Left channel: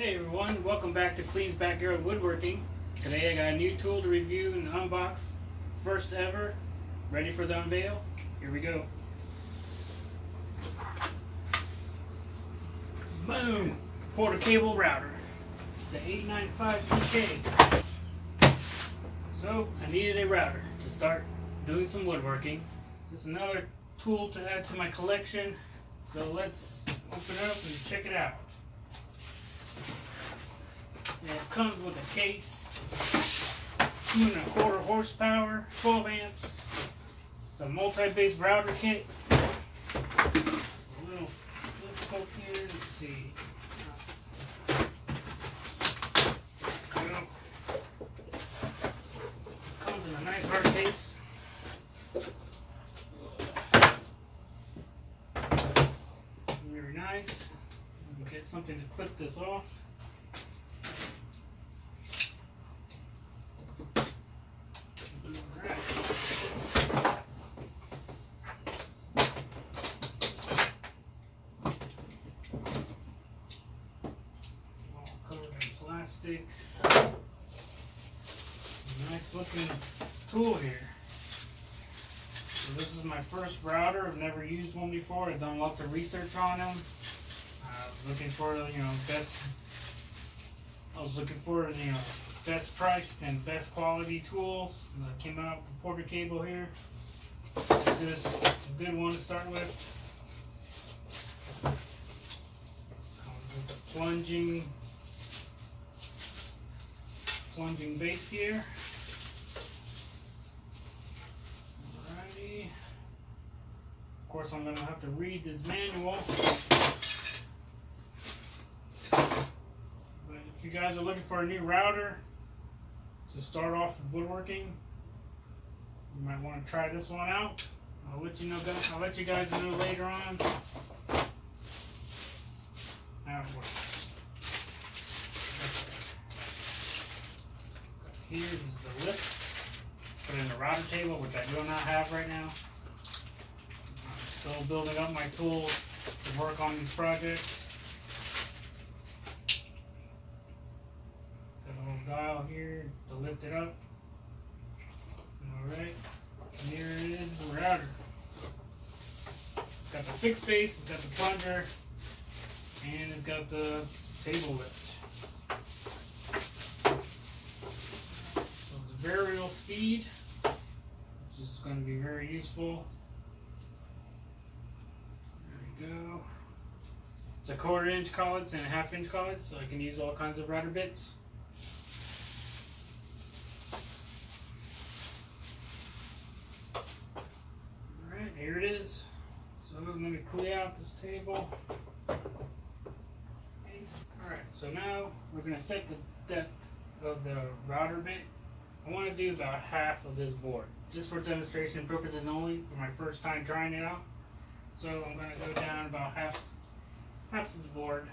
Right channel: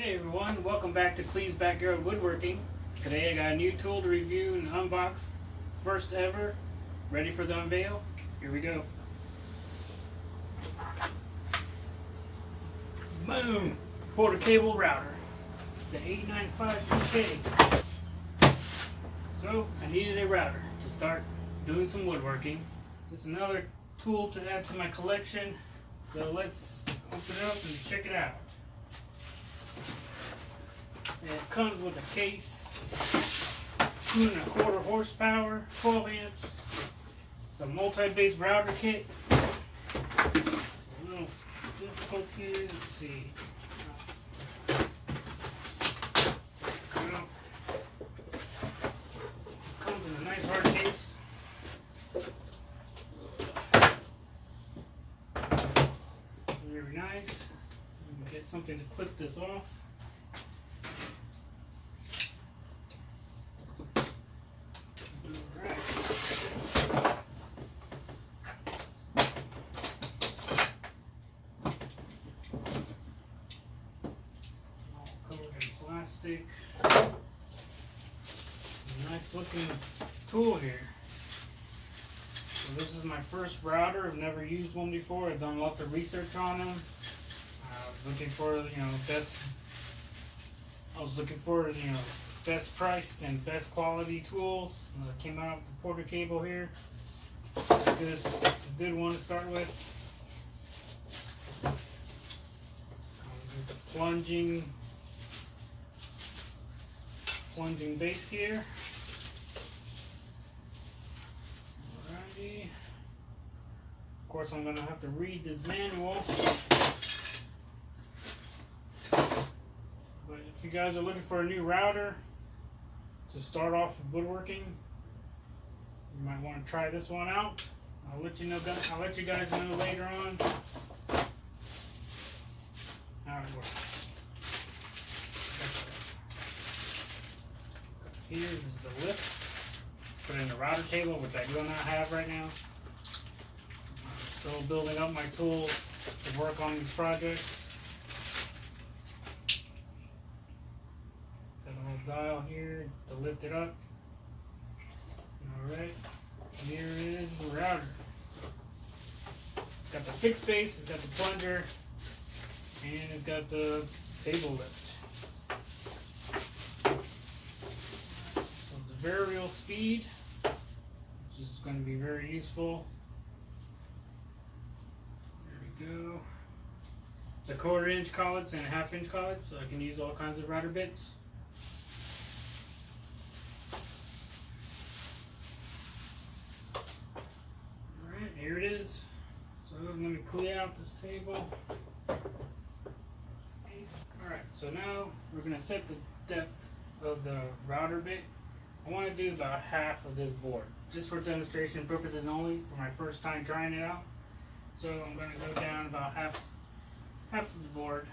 Hey everyone, welcome back to Cleve's Backyard Woodworking. Today I got a new tool to review and unbox. First ever. Ready for the unveil? Here we go. Boom! Porter cable router. It's the 895 PK. So I needed a router to start doing some woodworking. Just another tool to add to my collection. So let's open it up and check it out. And it comes with a case, 2¼ horsepower, 12 amps. It's a multi-base router kit. It's a little difficult here. Let's see. Comes in a nice hard case. Very nice. You can get something to clip this off. Plastic. Nice looking tool here. So this is my first router. I've never used one before. I've done lots of research on them. Looking for best. I was looking for best price and best quality tools. Came out with the Porter cable here. This is a good one to start with. Comes with a plunging base here. Alrighty. Of course, I'm going to have to read this manual. But if you guys are looking for a new router to start off with woodworking, you might want to try this one out. I'll let you guys know later on how it works. Here is the lift. Put in the router table, which I do not have right now. I'm still building up my tools to work on these projects. Got a little dial here to lift it up. Alright, here is the router. It's got the fixed base, it's got the plunger, and it's got the table lift. Variable speed, which is going to be very useful. There we go. It's a 1/4 inch collets and a 1/2 inch collets, so I can use all kinds of router bits. Alright, here it is. So I'm going to clear out this table. Alright, so now we're going to set the depth of the router bit. I want to do about half of this board, just for demonstration purposes only, for my first time trying it out. So I'm going to go down about half of the board.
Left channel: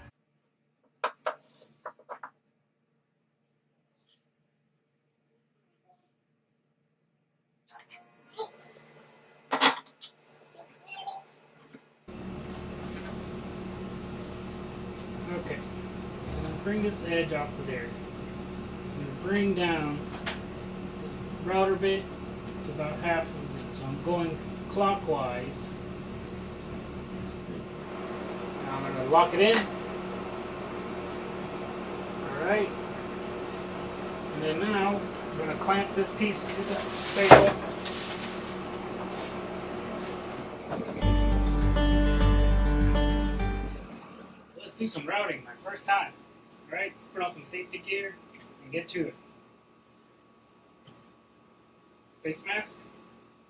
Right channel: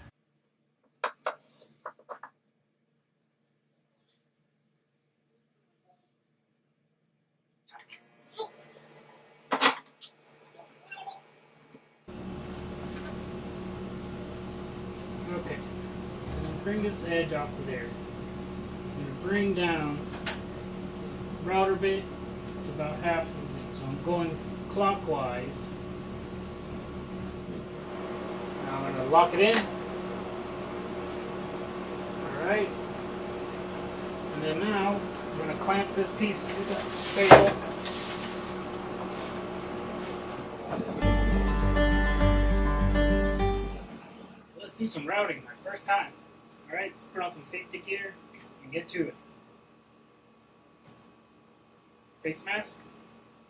Okay, I'm going to bring this edge off of there. I'm going to bring down router bit to about half of it. So I'm going clockwise. Now I'm going to lock it in. Alright. And then now I'm going to clamp this piece to the table. So let's do some routing, my first time. Alright, let's put on some safety gear and get to it. Face mask,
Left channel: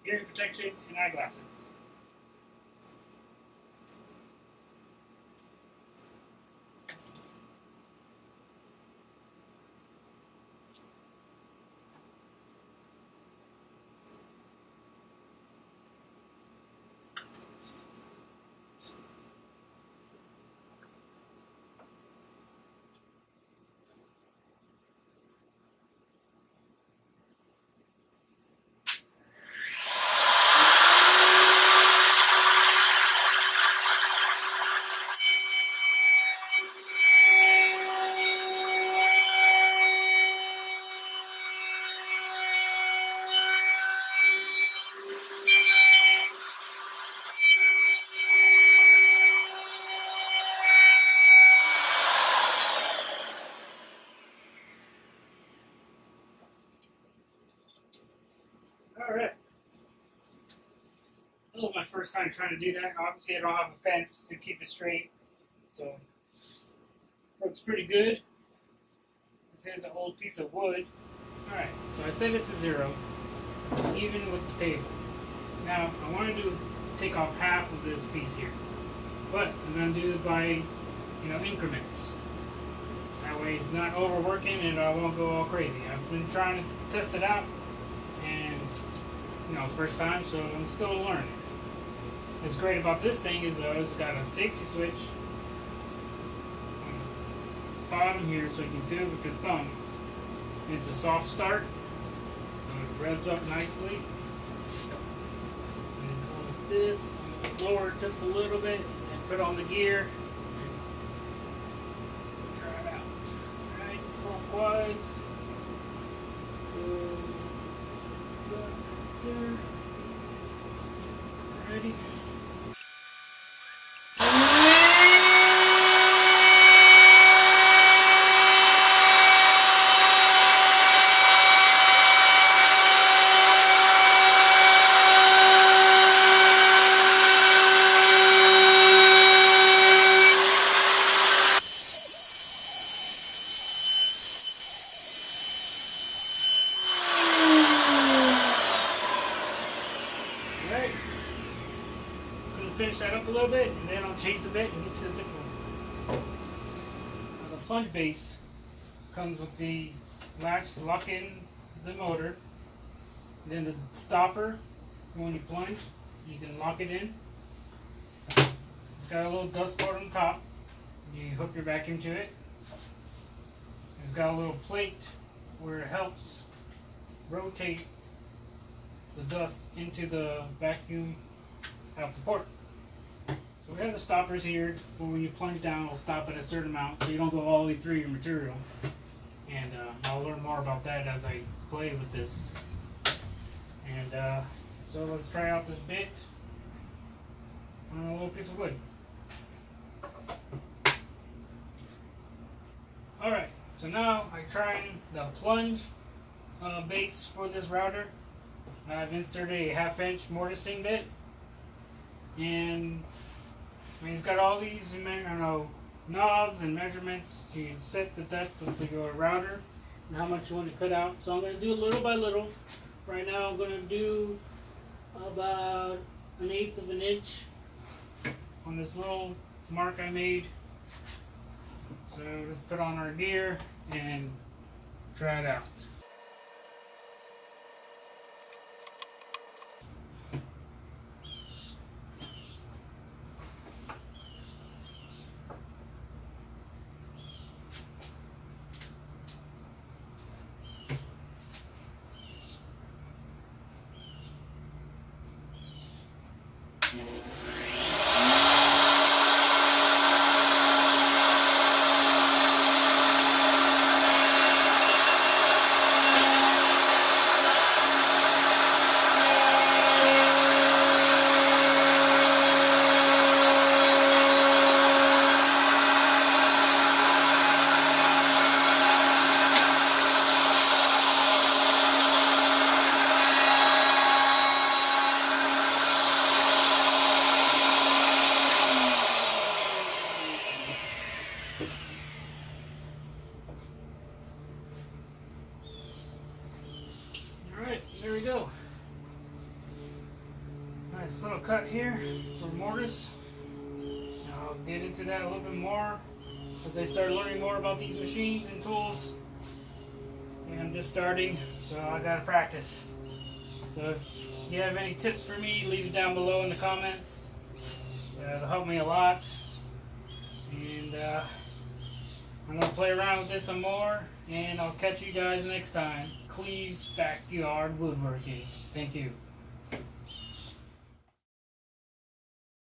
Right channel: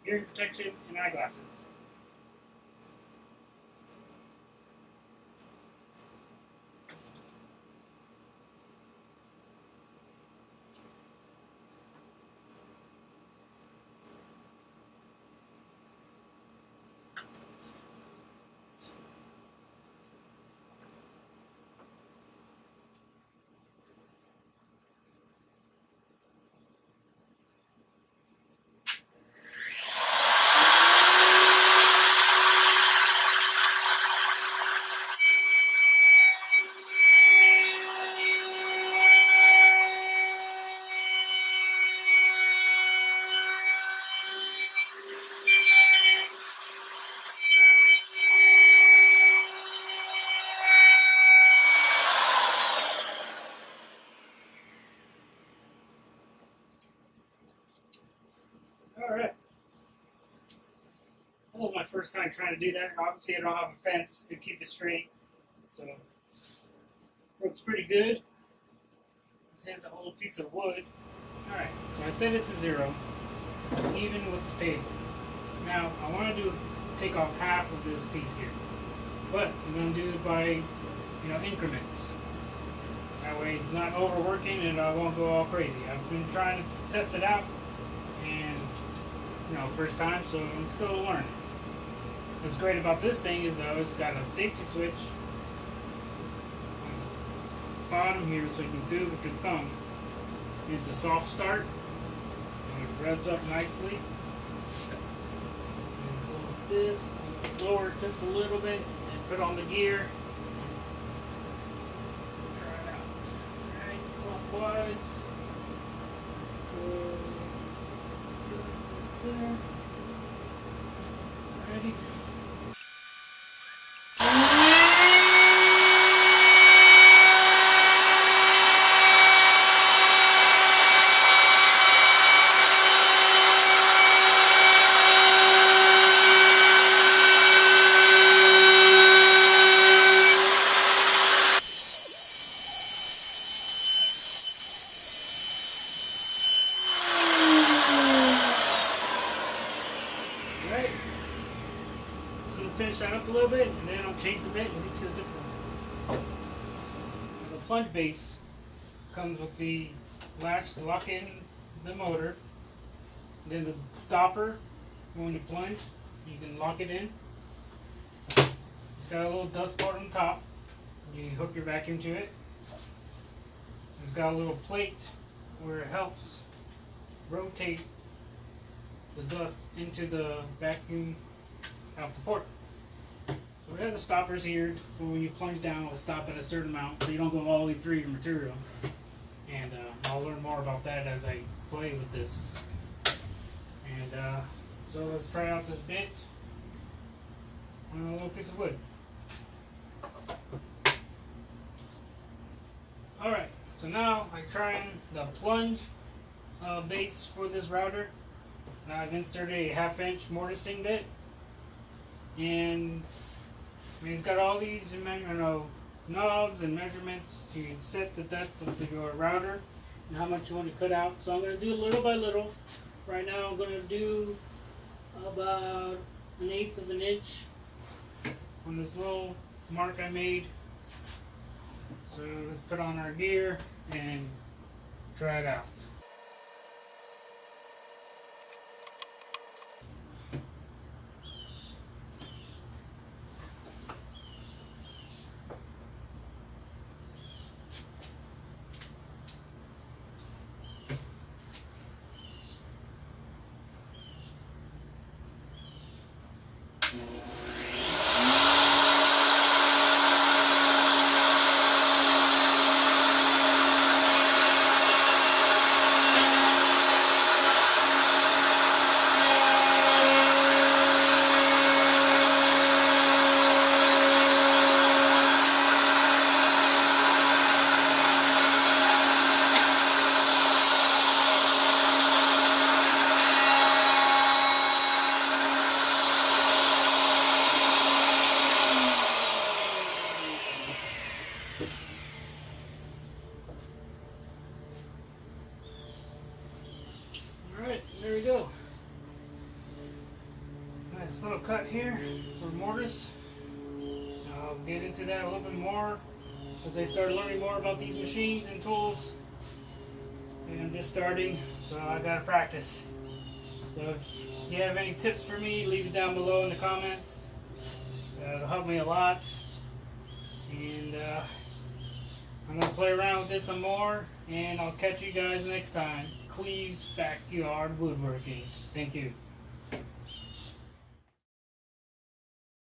hearing protection, and eyeglasses. first time trying to do that. Obviously, I don't have a fence to keep it straight, so works pretty good. This is an old piece of wood. Alright, so I set it to 0. It's even with the table. Now, I want to take off half of this piece here. But I'm going to do it by, increments. That way it's not overworking and I won't go all crazy. I've been trying to test it out and, first time, so I'm still learning. What's great about this thing is though, it's got a safety switch on the bottom here so you can do it with your thumb. It's a soft start, so it revs up nicely. And go with this, lower it just a little bit, and put on the gear. Try it out. Alright, clockwise. Good right there. Alrighty. Alright, just going to finish that up a little bit and then I'll change the bit and get to a different one. Now, the plunge base comes with the latch to lock in the motor, then the stopper for when you plunge, you can lock it in. It's got a little dust port on top, you hook your vacuum to it. It's got a little plate where it helps rotate the dust into the vacuum out the port. So we have the stoppers here for when you plunge down, it'll stop at a certain amount so you don't go all the way through your material. And I'll learn more about that as I play with this. And so let's try out this bit on a little piece of wood. Alright, so now I'm trying the plunge base for this router. I've inserted a 1/2 inch mortising bit, and it's got all these knobs and measurements to set the depth of your router and how much you want to cut out. So I'm going to do little by little. Right now I'm going to do about 1/8 of an inch on this little mark I made. So let's put on our gear and try it out. Alright, there we go. Nice little cut here for mortise. I'll get into that a little bit more as I start learning more about these machines and tools. And I'm just starting, so I gotta practice. So if you have any tips for me, leave it down below in the comments. It'll help me a lot. And I'm gonna play around with this some more, and I'll catch you guys next time. Cleve's Backyard Woodworking. Thank you.